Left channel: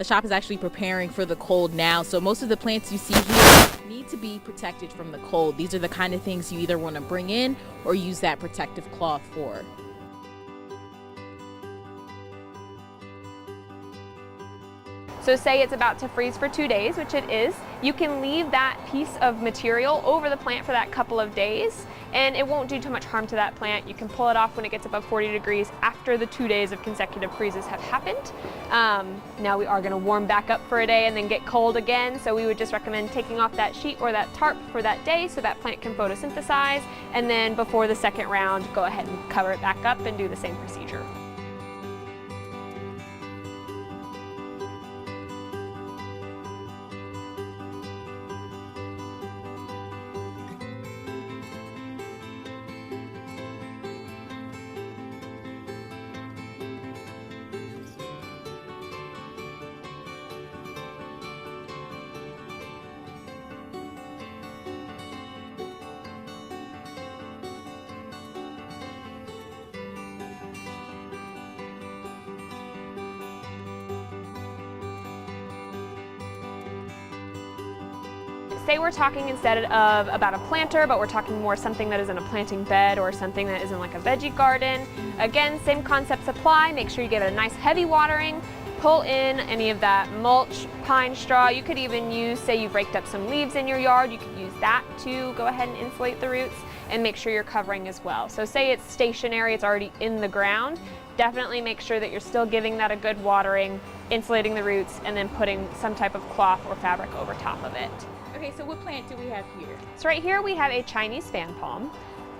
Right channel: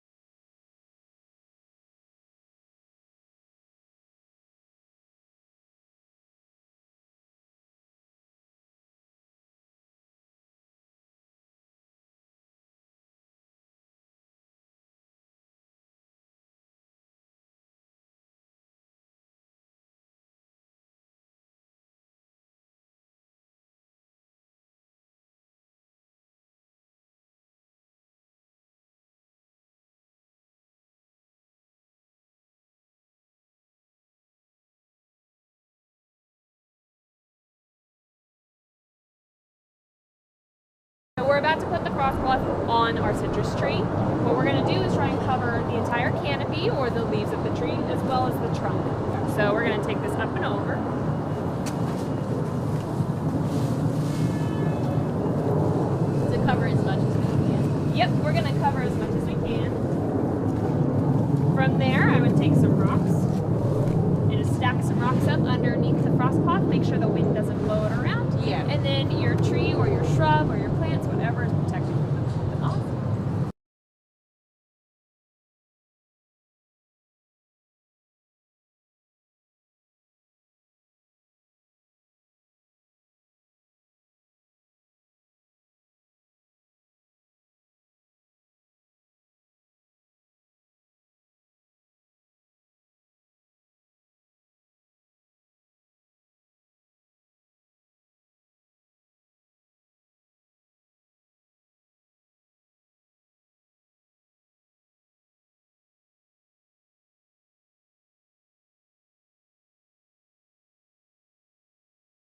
the shop is actually preparing for the cold now. So most of the plants you see here need to be protected from the cold. These are the kind of things you either want to bring in or use that protective cloth for. So say it's about to freeze for 2 days, which it is, you can leave that piece of material over the plant for that couple of days, and it won't do too much harm to that plant. You can pull it off when it gets above 40 degrees after the 2 days of consecutive freezes have happened. Now we are going to warm back up for a day and then get cold again, so we would just recommend taking off that sheet or that tarp for that day so that plant can photosynthesize, and then before the second round, go ahead and cover it back up and do the same procedure. So we're about to put the frost cloth on our citrus tree. What we're going to do is try and cover the entire canopy or the leaves of the tree as well as the trunk. So we're going to take this up and over. To cover as much as we can. Yep, we're going to cover as much as we can. From there, I would take some rocks and just stack some rocks up underneath the frost cloth. Make sure the wind doesn't blow it around. Yeah. And then your tree or your shrub or your plants, whatever is protected. Say we're talking instead of about a planter, but we're talking more something that is in a planting bed or something that is in like a veggie garden. Again, same concepts apply. Make sure you give it a nice heavy watering. Pull in any of that mulch, pine straw. You could even use, say you've raked up some leaves in your yard, you could use that to go ahead and insulate the roots, and make sure you're covering as well. So say it's stationary, it's already in the ground, definitely make sure that you're still giving that a good watering, insulating the roots, and then putting some type of cloth or fabric over top of it. Okay, so what plant do we have here? So right here we have a Chinese fan palm.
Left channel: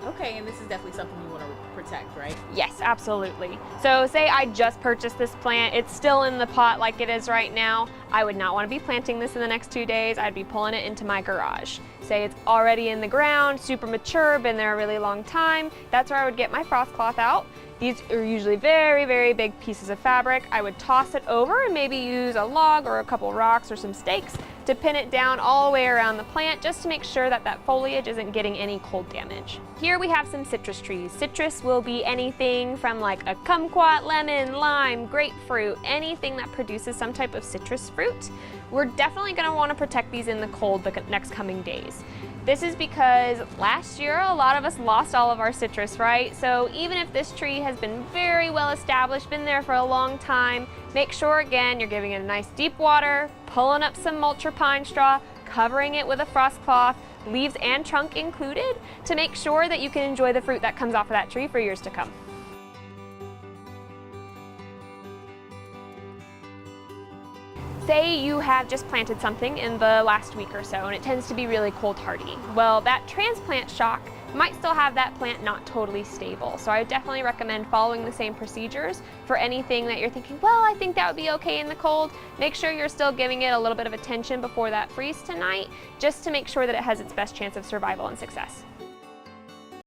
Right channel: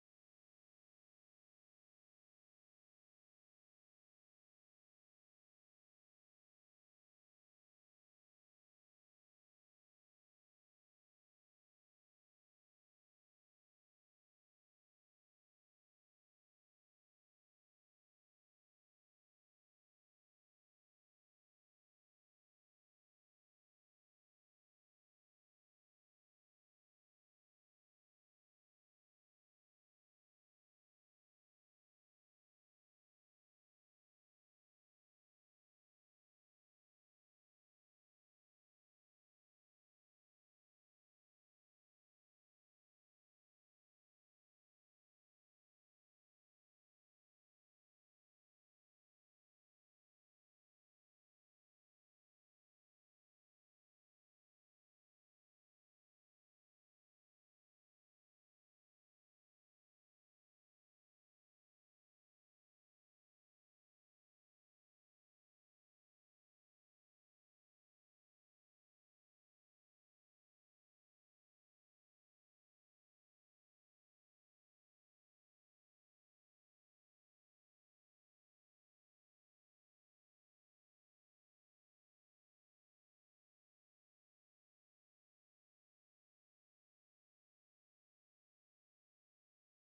Okay, and this is definitely something you want to protect, right? Yes, absolutely. So say I just purchased this plant, it's still in the pot like it is right now. I would not want to be planting this in the next 2 days. I'd be pulling it into my garage. Say it's already in the ground, super mature, been there a really long time. That's where I would get my frost cloth out. These are usually very, very big pieces of fabric. I would toss it over and maybe use a log or a couple rocks or some stakes to pin it down all the way around the plant just to make sure that that foliage isn't getting any cold damage. Here we have some citrus trees. Citrus will be anything from like a kumquat, lemon, lime, grapefruit, anything that produces some type of citrus fruit. We're definitely going to want to protect these in the cold the next coming days. This is because last year a lot of us lost all of our citrus, right? So even if this tree has been very well established, been there for a long time, make sure again you're giving it a nice deep water, pulling up some mulch or pine straw, covering it with a frost cloth, leaves and trunk included, to make sure that you can enjoy the fruit that comes off of that tree for years to come. Say you have just planted something in the last week or so and it tends to be really cold hardy. Well, that transplant shock might still have that plant not totally stable. So I would definitely recommend following the same procedures for anything that you're thinking, well, I think that would be okay in the cold. Make sure you're still giving it a little bit of attention before that freeze tonight, just to make sure that it has its best chance of survival and success.